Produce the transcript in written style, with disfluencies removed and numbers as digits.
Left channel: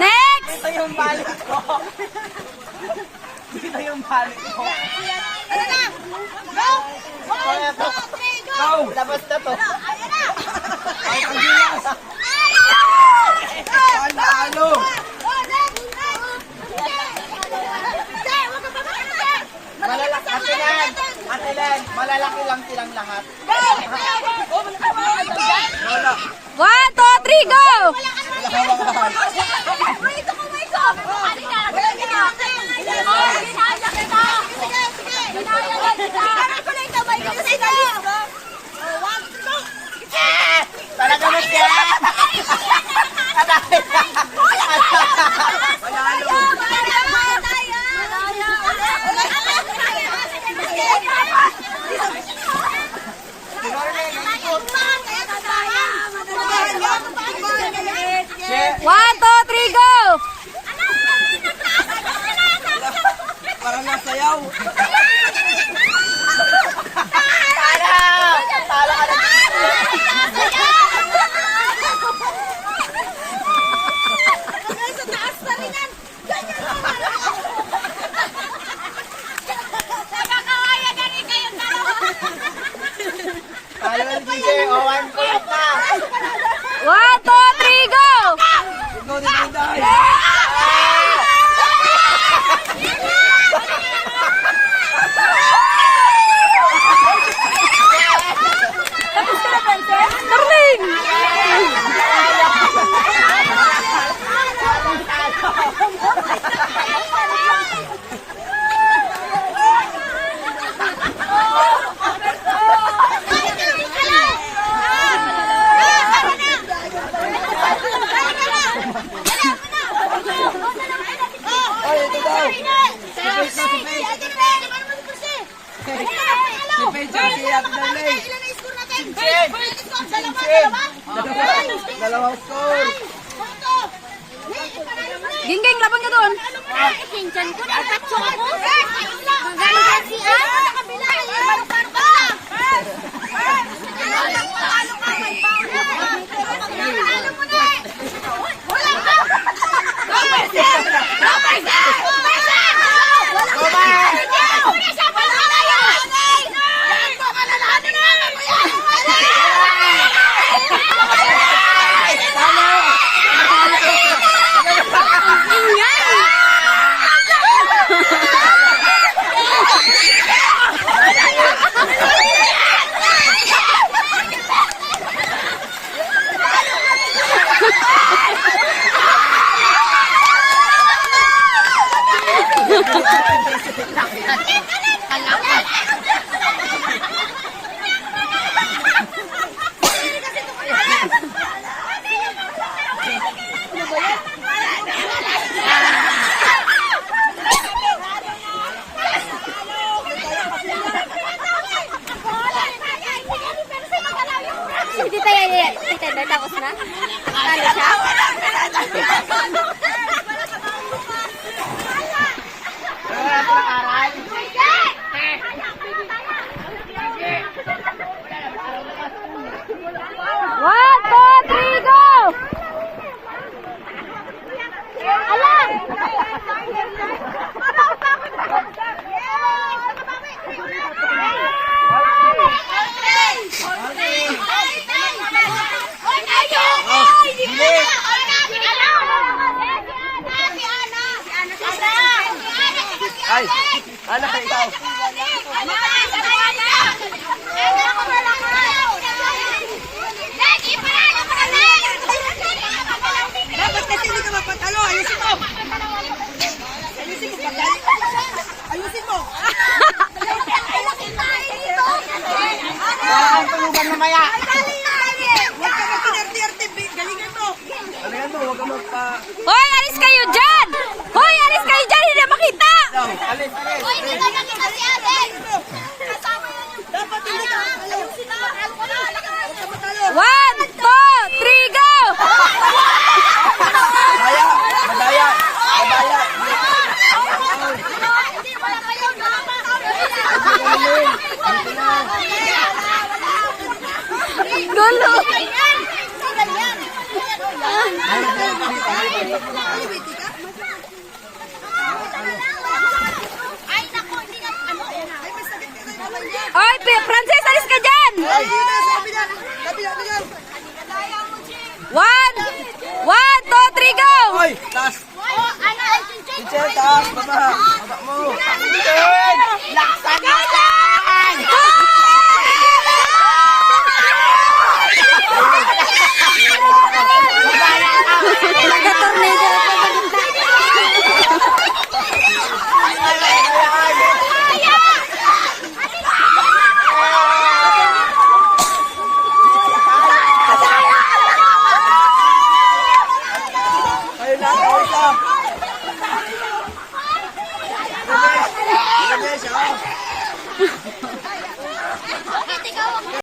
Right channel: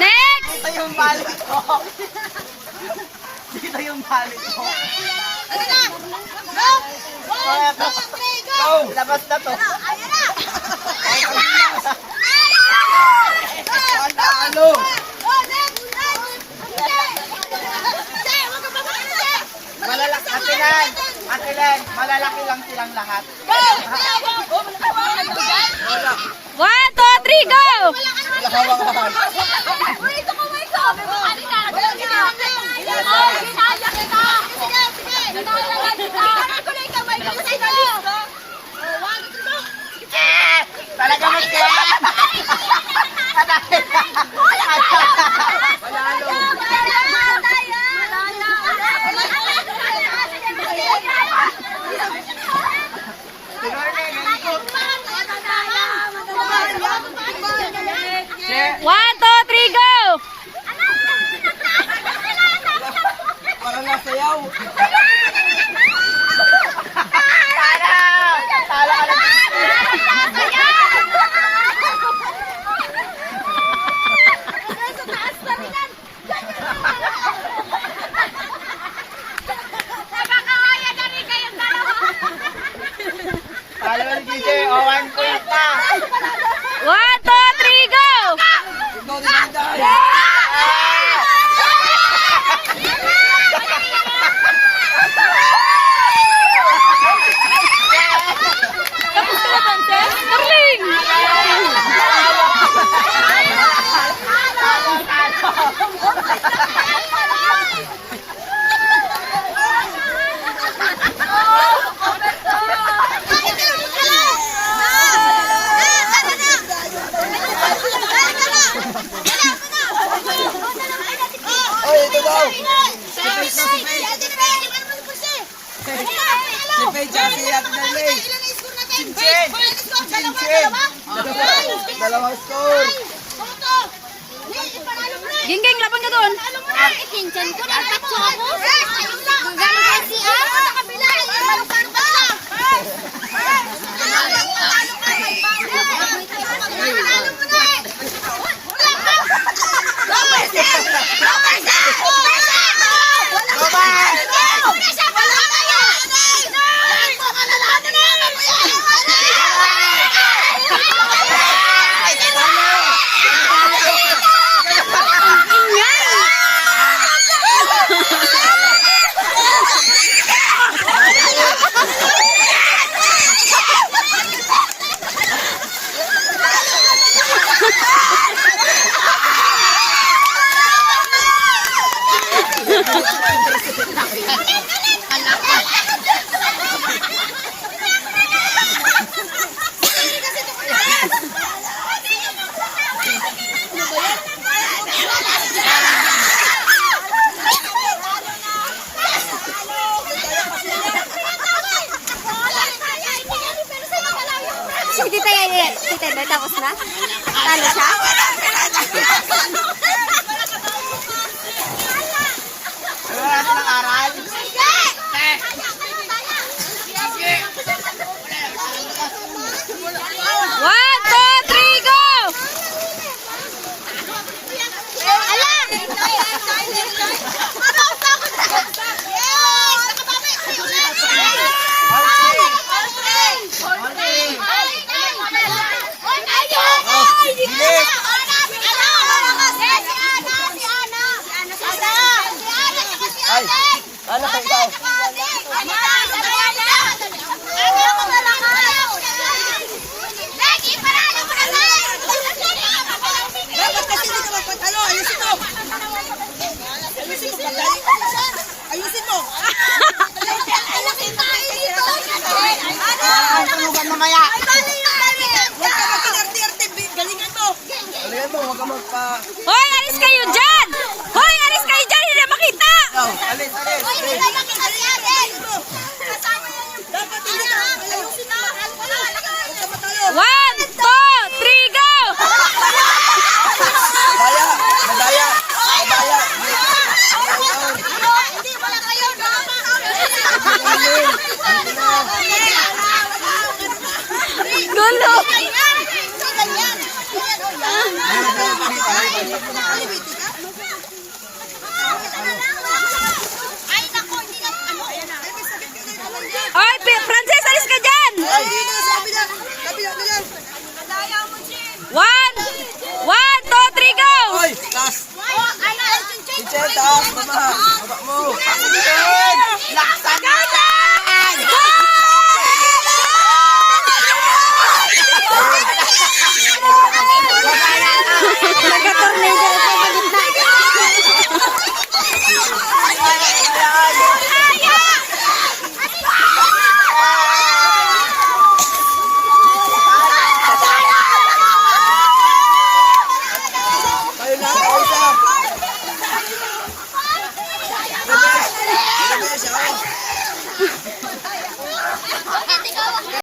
Next! Dito yung balik ko. Dito yung balik ko. Ano na? Go! 1, 2, 3, go! Go! Labas na to. Ayan na! Ano? Malalaki, Ate Len, malalaki lang silang lahat. 1, 2, 3, go! Talaga mo siya! One, two, three, go! Parang nasayaw. One, two, three, go! Tapos ka na, Princess? Darling! Dalawa score. Gingging, laban ka doon. Ikincan ko na tatso ako. Galing ka siya. Sa kabila. Parang ka na. Panalo mo na eh. Wala ka. Si Tita yan, Tita, may tapos na? Talo siya? One, two, three, go! Ay, ano ka ikaw? Bakit kasi hindi ka magpatalo? Ayusin mo! Ayusin mo! Ayusin mo! Ang tulugan mamaya. Huwag ka magpinarte-arte. Galingan mo! Galingan mo, huwag ka magpa... Hoy, alis kayo dyan! Hoy, alis kayo dyan! Hindi na makita! Alis. Galingan mo! Galingan mo! Kasama yan yung... Dapat hindi ka... Ayusin Ay, naku, hindi na, ano? Ay, may sakit ka na yung kamay niya. Oy, Francis, alis ka dyan! Ay, dito sa kabila. Kabila na yan. One, 1, 2, 3, go! Ay, taas. Oh, ano? Teacher, taas. Baba. Baba mo. Laksan natin! Nag-tornado ako sa gitna. Ayun lang, ayun lang.